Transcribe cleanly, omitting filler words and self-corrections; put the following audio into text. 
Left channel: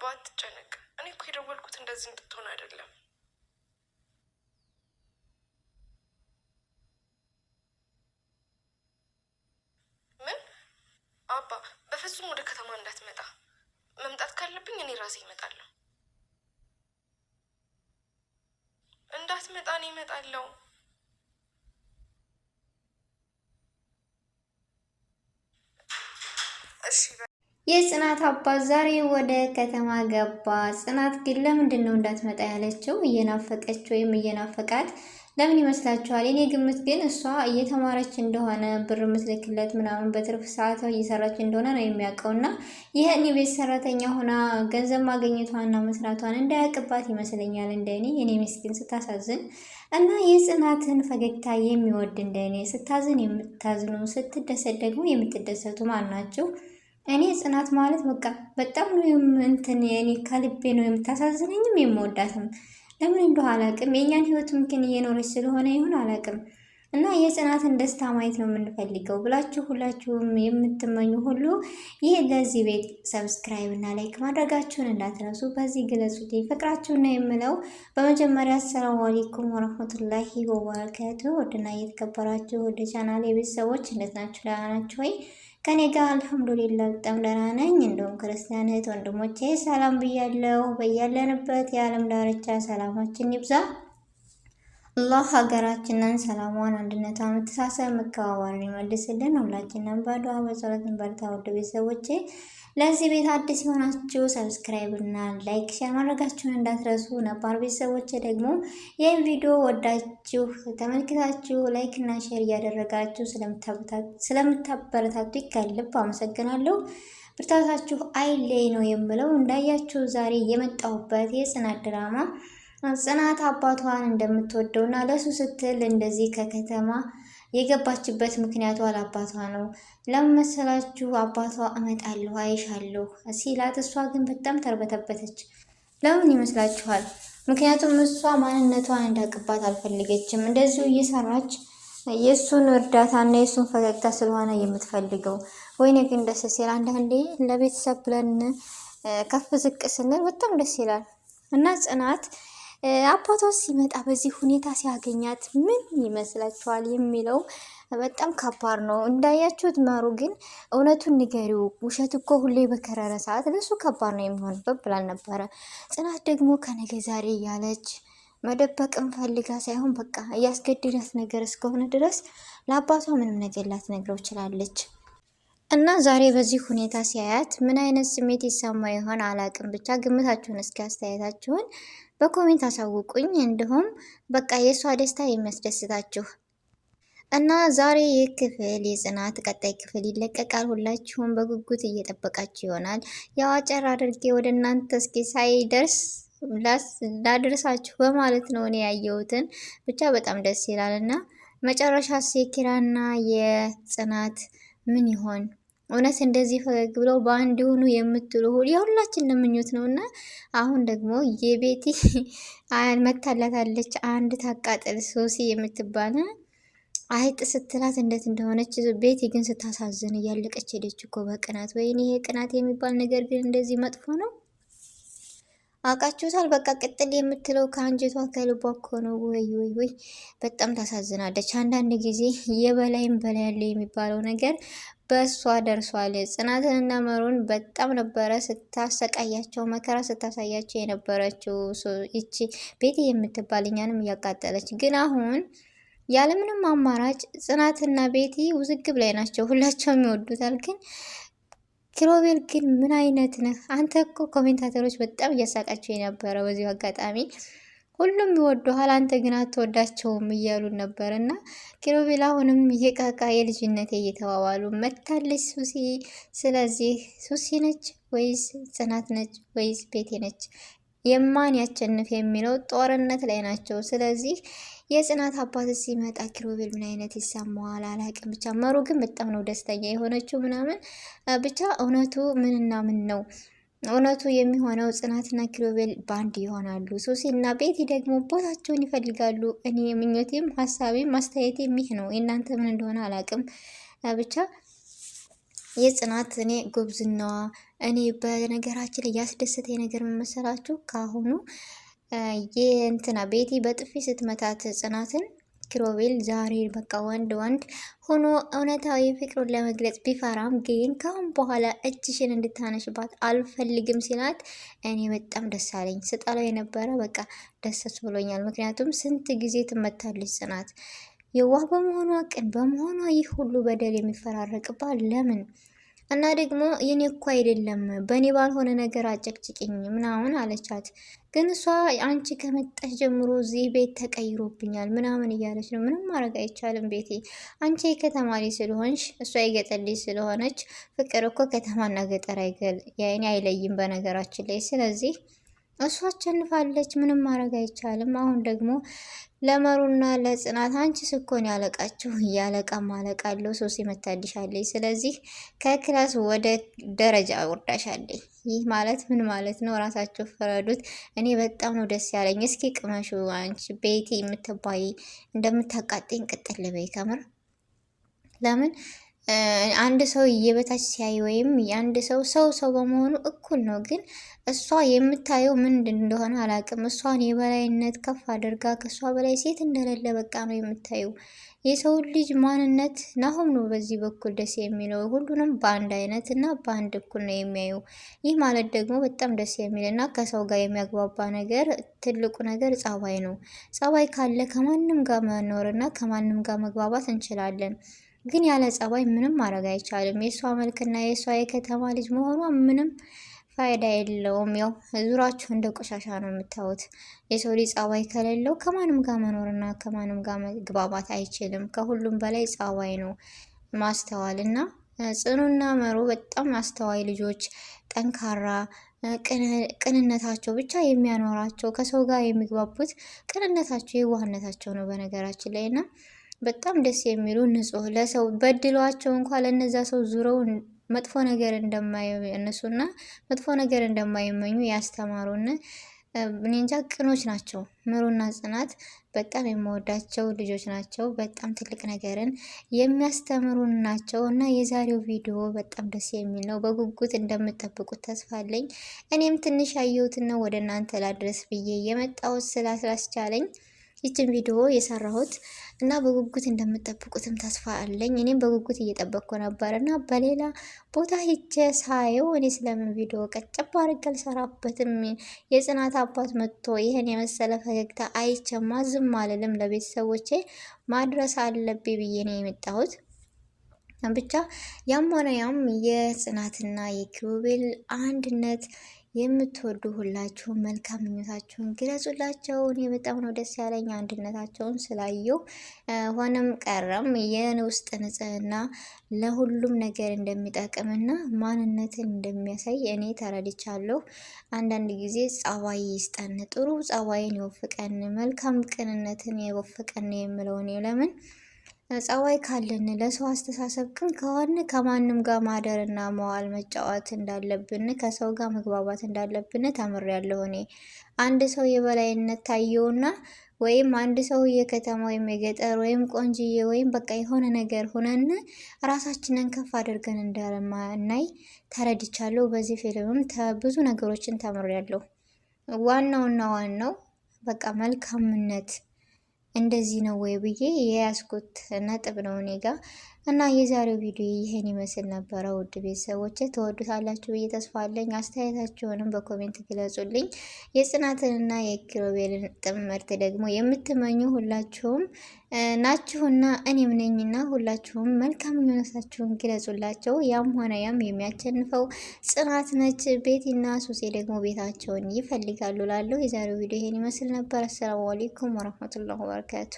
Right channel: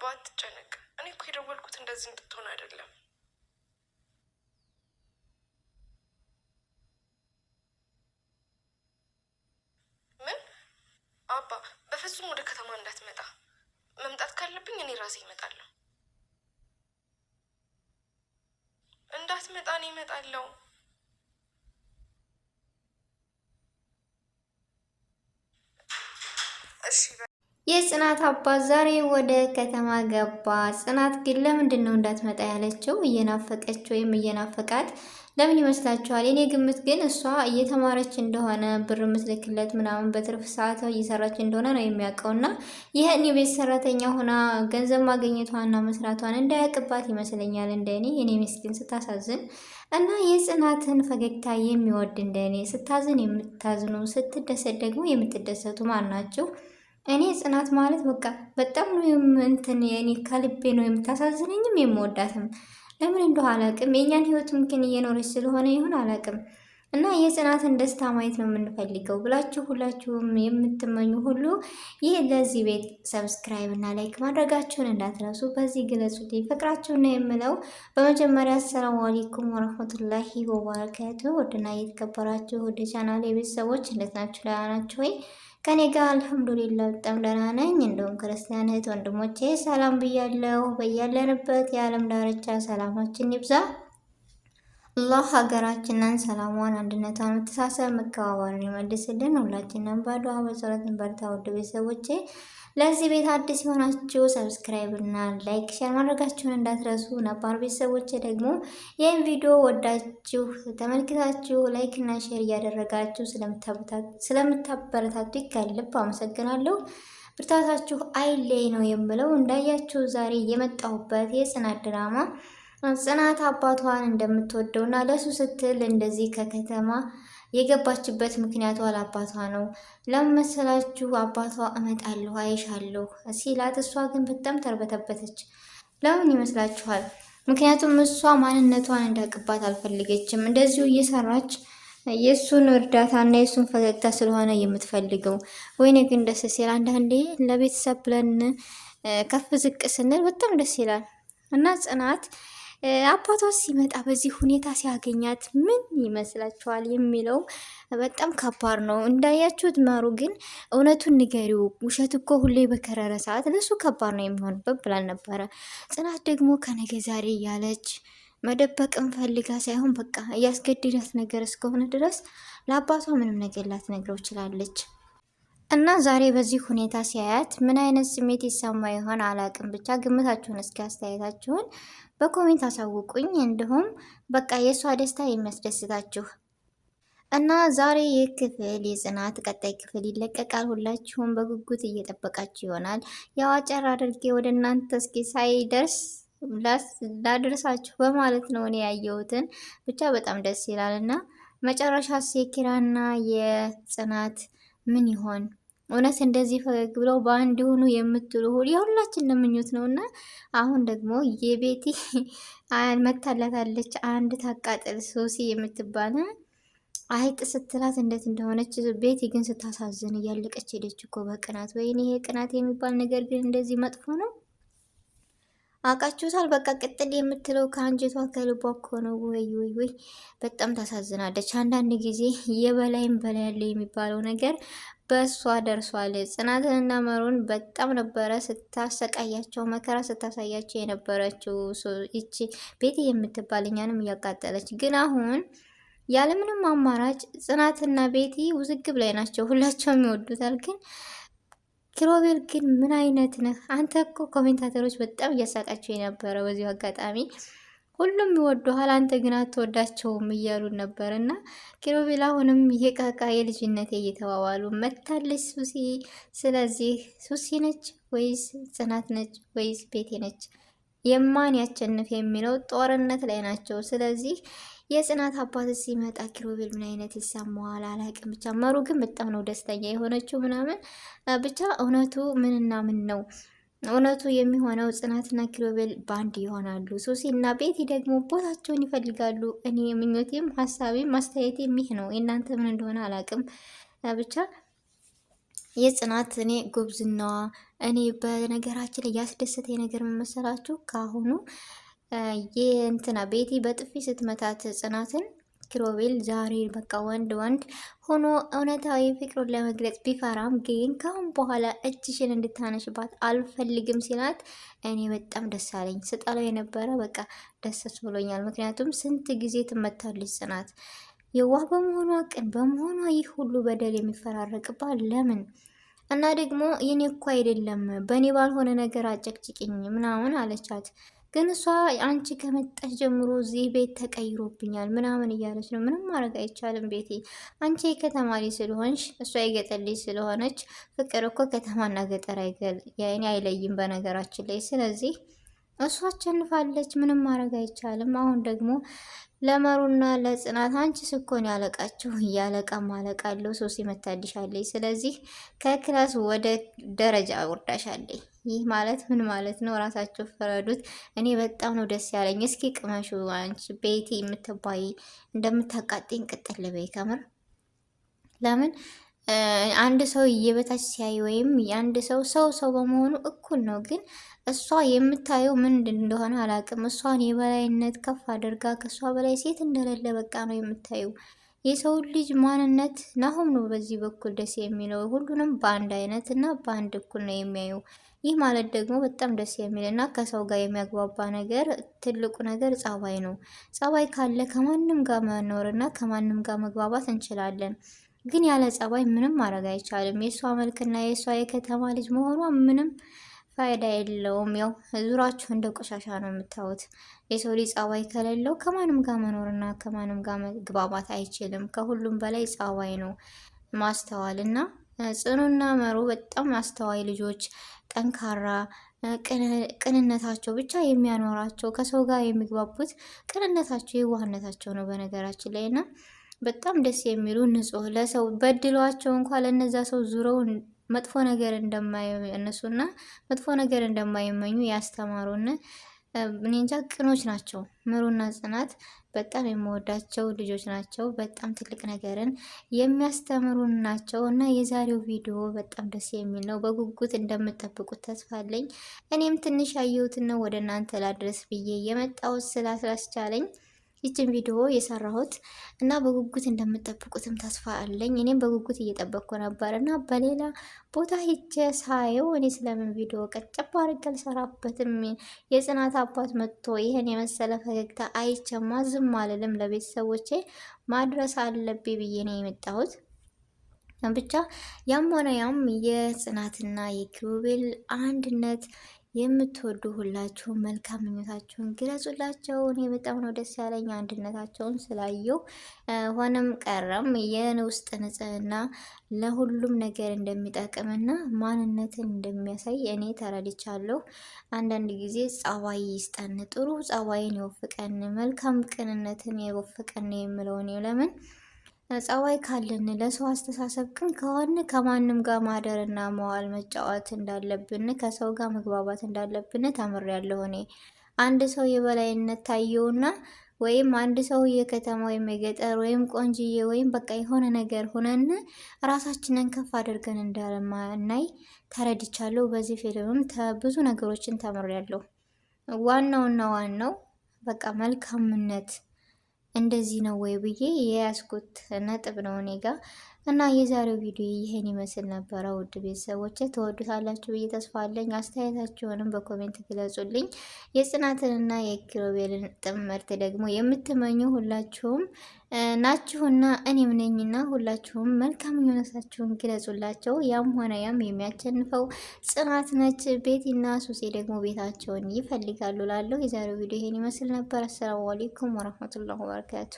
አባ አትጨነቅ። እኔ እኮ የደወልኩት እንደዚህ እንድትሆን አይደለም። ምን አባ? በፍጹም ወደ ከተማ እንዳትመጣ። መምጣት ካለብኝ እኔ ራሴ እመጣለሁ። እንዳትመጣ እኔ እመጣለሁ። እሺ። የጽናት አባት ዛሬ ወደ ከተማ ገባ። ጽናት ግን ለምንድን ነው እንዳትመጣ ያለችው? እየናፈቀች ወይም እየናፈቃት ለምን ይመስላችኋል? እኔ ግምት ግን እሷ እየተማረች እንደሆነ ብር ምትልክለት ምናምን በትርፍ ሰዓቷ እየሰራች እንደሆነ ነው የሚያውቀው እና ይህን የቤት ሰራተኛ ሆና ገንዘብ ማግኘቷና መስራቷን እንዳያውቅባት ይመስለኛል። እንደኔ እኔ ምስኪን ስታሳዝን እና የጽናትን ፈገግታ የሚወድ እንደኔ ስታዝን የምታዝኑ ስትደሰት ደግሞ የምትደሰቱ ማን ናቸው? እኔ ጽናት ማለት በቃ በጣም ነው እንትን እኔ ከልቤ ነው የምታሳዝነኝም የምወዳትም። ለምን እንደው አላውቅም። የእኛን ህይወት ምክን እየኖረች ስለሆነ ይሁን አላውቅም። እና የጽናትን ደስታ ማየት ነው የምንፈልገው ብላችሁ ሁላችሁም የምትመኙ ሁሉ ይህ ለዚህ ቤት ሰብስክራይብ እና ላይክ ማድረጋችሁን እንዳትረሱ። በዚህ ግለጹት ፍቅራችሁን ነው የምለው። በመጀመሪያ አሰላሙ አለይኩም ወረህመቱላሂ ወበረካቱ። ወድና እየተከበራችሁ ወደ ቻናል የቤተሰቦች እንዴት ናችሁ? ደህና ናችሁ ወይ? ከኔ ጋር አልሐምዱሊላህ በጣም ደህና ነኝ። እንደውም ክርስቲያን እህት ወንድሞቼ ሰላም ብያለሁ። በያለንበት የዓለም ዳርቻ ሰላማችን ይብዛ። አላህ ሀገራችንን ሰላሟን፣ አንድነቷን፣ መተሳሰብ፣ መከባበርን ይመልስልን። ሁላችንም በዱዓ በጸሎት በርታ። ውድ ቤተሰቦቼ ለዚህ ቤት አዲስ የሆናችሁ ሰብስክራይብ እና ላይክ ሼር ማድረጋችሁን እንዳትረሱ። ነባር ቤተሰቦች ደግሞ ይህን ቪዲዮ ወዳችሁ ተመልክታችሁ ላይክ እና ሼር እያደረጋችሁ ስለምታበረታቱ ከልብ አመሰግናለሁ። ብርታታችሁ አይለይ ነው የምለው። እንዳያችሁ ዛሬ የመጣሁበት የጽናት ድራማ ጽናት አባቷን እንደምትወደው እና ለሱ ስትል እንደዚህ ከከተማ የገባችበት ምክንያቷ ለአባቷ ነው። ለምን መሰላችሁ? አባቷ እመጣለሁ አይሻለሁ ሲላት እሷ ግን በጣም ተርበተበተች። ለምን ይመስላችኋል? ምክንያቱም እሷ ማንነቷን እንዳቅባት አልፈልገችም። እንደዚሁ እየሰራች የእሱን እርዳታና የእሱን ፈገግታ ስለሆነ የምትፈልገው። ወይኔ ግን ደስ ሲል አንዳንዴ ለቤተሰብ ብለን ከፍ ዝቅ ስንል በጣም ደስ ይላል። እና ጽናት አባቷ ሲመጣ በዚህ ሁኔታ ሲያገኛት ምን ይመስላችኋል የሚለው በጣም ከባድ ነው። እንዳያችሁት መሩ ግን እውነቱን ንገሪው፣ ውሸት እኮ ሁሌ በከረረ ሰዓት ለሱ ከባድ ነው የሚሆንበት ብላል ነበረ። ጽናት ደግሞ ከነገ ዛሬ እያለች መደበቅም ፈልጋ ሳይሆን በቃ እያስገድዳት ነገር እስከሆነ ድረስ ለአባቷ ምንም ነገር ላትነግረው ችላለች። እና ዛሬ በዚህ ሁኔታ ሲያያት ምን አይነት ስሜት ይሰማ ይሆን አላቅም። ብቻ ግምታችሁን እስኪ አስተያየታችሁን በኮሜንት አሳውቁኝ። እንዲሁም በቃ የእሷ ደስታ የሚያስደስታችሁ እና ዛሬ ይህ ክፍል የጽናት ቀጣይ ክፍል ይለቀቃል። ሁላችሁም በጉጉት እየጠበቃችሁ ይሆናል። ያው አጨር አድርጌ ወደ እናንተ እስኪ ሳይደርስ ላድርሳችሁ በማለት ነው እኔ ያየሁትን። ብቻ በጣም ደስ ይላል እና መጨረሻ የኪራና የጽናት ምን ይሆን? እውነት እንደዚህ ፈገግ ብለው በአንድ ሆኑ የምትሉ የሁላችን ምኞት ነው። እና አሁን ደግሞ የቤቲ መታላታለች አንድ ታቃጥል ሶሲ የምትባል አይጥ ስትላት እንዴት እንደሆነች። ቤቲ ግን ስታሳዝን እያለቀች ሄደች እኮ በቅናት። ወይኔ ይሄ ቅናት የሚባል ነገር ግን እንደዚህ መጥፎ ነው። አውቃችሁታል። በቃ ቅጥል የምትለው ከአንጀቷ ከልቧ እኮ ነው። ወይ ወይ ወይ በጣም ታሳዝናለች። አንዳንድ ጊዜ የበላይም በላይ ያለ የሚባለው ነገር በእሷ ደርሷል። ጽናትንና መሩን በጣም ነበረ ስታሰቃያቸው መከራ ስታሳያቸው የነበረችው ይቺ ቤቲ የምትባል እኛንም እያቃጠለች። ግን አሁን ያለምንም አማራጭ ጽናትና ቤቲ ውዝግብ ላይ ናቸው። ሁላቸውም ይወዱታል። ግን ኪሮቤል ግን ምን አይነት ነህ አንተ? እኮ ኮሜንታተሮች በጣም እያሳቃቸው የነበረው በዚሁ አጋጣሚ ሁሉም ይወዱሃል፣ አንተ ግን አትወዳቸውም እያሉን ነበር። እና ኪሮቤል አሁንም የቃቃ የልጅነት እየተዋዋሉ መታለች ሱሲ። ስለዚህ ሱሲ ነች ወይስ ጽናት ነች ወይስ ቤቴ ነች? የማን ያቸንፍ የሚለው ጦርነት ላይ ናቸው። ስለዚህ የጽናት አባት ሲመጣ ኪሮቤል ምን አይነት ይሰማዋል አላውቅም። ብቻ መሩ ግን በጣም ነው ደስተኛ የሆነችው ምናምን። ብቻ እውነቱ ምንና ምን ነው? እውነቱ የሚሆነው ጽናትና ኪሮቤል ባንድ ይሆናሉ። ሱሲ እና ቤቲ ደግሞ ቦታቸውን ይፈልጋሉ። እኔ ምኞቴም ሀሳቤም አስተያየቴም ይህ ነው። የእናንተ ምን እንደሆነ አላውቅም። ብቻ የጽናት እኔ ጉብዝናዋ እኔ በነገራችን ላይ ያስደሰተኝ ነገር ምን መሰላችሁ? ካሁኑ የእንትና ቤቲ በጥፊ ስትመታት ጽናትን ኪሮቤል ዛሬ በቃ ወንድ ሆኖ እውነታዊ ፍቅሩን ለመግለጽ ቢፈራም ግን ካሁን በኋላ እጅሽን እንድታነሽባት አልፈልግም ሲላት እኔ በጣም ደስ አለኝ። ስጠላው የነበረ በቃ ደስ ብሎኛል። ምክንያቱም ስንት ጊዜ ትመታለች ጽናት የዋህ በመሆኗ ቅን በመሆኗ ይህ ሁሉ በደል የሚፈራረቅባት ለምን? እና ደግሞ የኔ እኮ አይደለም በእኔ ባልሆነ ነገር አጨቅጭቅኝ ምናምን አለቻት። ግን እሷ አንቺ ከመጣሽ ጀምሮ እዚህ ቤት ተቀይሮብኛል ምናምን እያለች ነው። ምንም ማድረግ አይቻልም ቤቴ፣ አንቺ የከተማ ልጅ ስለሆንሽ እሷ የገጠር ልጅ ስለሆነች ፍቅር እኮ ከተማና ገጠር አይለይም በነገራችን ላይ። ስለዚህ እሷ አሸንፋለች፣ ምንም ማድረግ አይቻልም። አሁን ደግሞ ለመሩና ለጽናት አንቺ ስኮን ያለቃችሁ እያለቃ ማለቅ አለው ሶስት ይመታልሻለች። ስለዚህ ከክላስ ወደ ደረጃ ወርዳሻለች። ይህ ማለት ምን ማለት ነው? ራሳቸው ፈረዱት። እኔ በጣም ነው ደስ ያለኝ። እስኪ ቅመሹ አንቺ ቤቲ የምትባይ እንደምታቃጥኝ ቅጥል በይ ከምር። ለምን አንድ ሰው እየበታች ሲያይ ወይም የአንድ ሰው በመሆኑ እኩል ነው። ግን እሷ የምታየው ምንድን እንደሆነ አላውቅም። እሷን የበላይነት ከፍ አድርጋ ከእሷ በላይ ሴት እንደሌለ በቃ ነው የምታየው። የሰው ልጅ ማንነት ናሁም ነው በዚህ በኩል ደስ የሚለው። ሁሉንም በአንድ አይነት እና በአንድ እኩል ነው የሚያዩ። ይህ ማለት ደግሞ በጣም ደስ የሚል እና ከሰው ጋር የሚያግባባ ነገር ትልቁ ነገር ጸባይ ነው። ጸባይ ካለ ከማንም ጋር መኖር እና ከማንም ጋር መግባባት እንችላለን። ግን ያለ ጸባይ ምንም ማድረግ አይቻልም። የእሷ መልክና የእሷ የከተማ ልጅ መሆኗ ምንም ፋይዳ የለውም። ያው ዙራችሁ እንደ ቆሻሻ ነው የምታዩት። የሰው ልጅ ጸባይ ከሌለው ከማንም ጋር መኖርና ከማንም ጋር መግባባት አይችልም። ከሁሉም በላይ ጸባይ ነው። ማስተዋል እና ጽኑና መሩ በጣም አስተዋይ ልጆች፣ ጠንካራ ቅንነታቸው ብቻ የሚያኖራቸው ከሰው ጋር የሚግባቡት ቅንነታቸው የዋህነታቸው ነው በነገራችን ላይ እና በጣም ደስ የሚሉ ንጹህ ለሰው በድሏቸው እንኳን ለነዛ ሰው ዙረው መጥፎ ነገር እነሱና መጥፎ ነገር እንደማይመኙ ያስተማሩን እኔ እንጃ ቅኖች ናቸው። ምሩና ጽናት በጣም የምወዳቸው ልጆች ናቸው። በጣም ትልቅ ነገርን የሚያስተምሩ ናቸው እና የዛሬው ቪዲዮ በጣም ደስ የሚል ነው። በጉጉት እንደምጠብቁት ተስፋ አለኝ። እኔም ትንሽ ያየሁትና ወደ እናንተ ላድረስ ብዬ የመጣሁት ስላስቻለኝ ይችን ቪዲዮ የሰራሁት እና በጉጉት እንደምጠብቁትም ተስፋ አለኝ። እኔም በጉጉት እየጠበቅኩ ነበር እና በሌላ ቦታ ሄጄ ሳየው እኔ ስለምን ቪዲዮ ቀጨባ አድርጌ አልሰራበትም? የጽናት አባት መጥቶ ይህን የመሰለ ፈገግታ አይቼማ ዝም አልልም። ለቤተሰቦቼ ማድረስ አለብኝ ብዬ ነው የመጣሁት። ብቻ ያም ሆነ ያም የጽናትና የኪሩቤል አንድነት የምትወዱ ሁላችሁም መልካም ምኞታችሁን ግለጹላቸው። እኔ በጣም ነው ደስ ያለኝ አንድነታቸውን ስላየው። ሆነም ቀረም የውስጥ ንጽህና ለሁሉም ነገር እንደሚጠቅምና ማንነትን እንደሚያሳይ እኔ ተረድቻለሁ። አንዳንድ ጊዜ ጸባይ ይስጠን፣ ጥሩ ጸባይን ይወፍቀን፣ መልካም ቅንነትን ይወፍቀን የምለው እኔ ለምን ጸባይ ካለን ለሰው አስተሳሰብ ግን ከሆነ ከማንም ጋር ማደርና መዋል መጫወት እንዳለብን ከሰው ጋር መግባባት እንዳለብን ተምሬያለሁ። እኔ አንድ ሰው የበላይነት ታየውና ወይም አንድ ሰው የከተማ ወይም የገጠር ወይም ቆንጅዬ ወይም በቃ የሆነ ነገር ሆነን ራሳችንን ከፍ አድርገን እንዳለማናይ ተረድቻለሁ። በዚህ ፊልምም ብዙ ነገሮችን ተምሬያለሁ። ዋናው በቃ መልካምነት እንደዚህ ነው ወይ ብዬ የያዝኩት ነጥብ ነው እኔ ጋ እና የዛሬው ቪዲዮ ይሄን ይመስል ነበረ። ውድ ቤተሰቦች ተወዱታላችሁ ብዬ ተስፋ አለኝ። አስተያየታችሁንም በኮሜንት ግለጹልኝ። የጽናትንና የኪሩቤልን ጥምረት ደግሞ የምትመኙ ሁላችሁም ናችሁና እኔም ነኝና ሁላችሁም መልካም ምኞታችሁን ግለጹላቸው። ያም ሆነ ያም የሚያሸንፈው ጽናት ነች። ቤቲና ሱሴ ደግሞ ቤታቸውን ይፈልጋሉ ላለው የዛሬው ቪዲዮ ይሄን ይመስል ነበር። አሰላሙ አለይኩም ወራህመቱላሂ ወበረካቱ።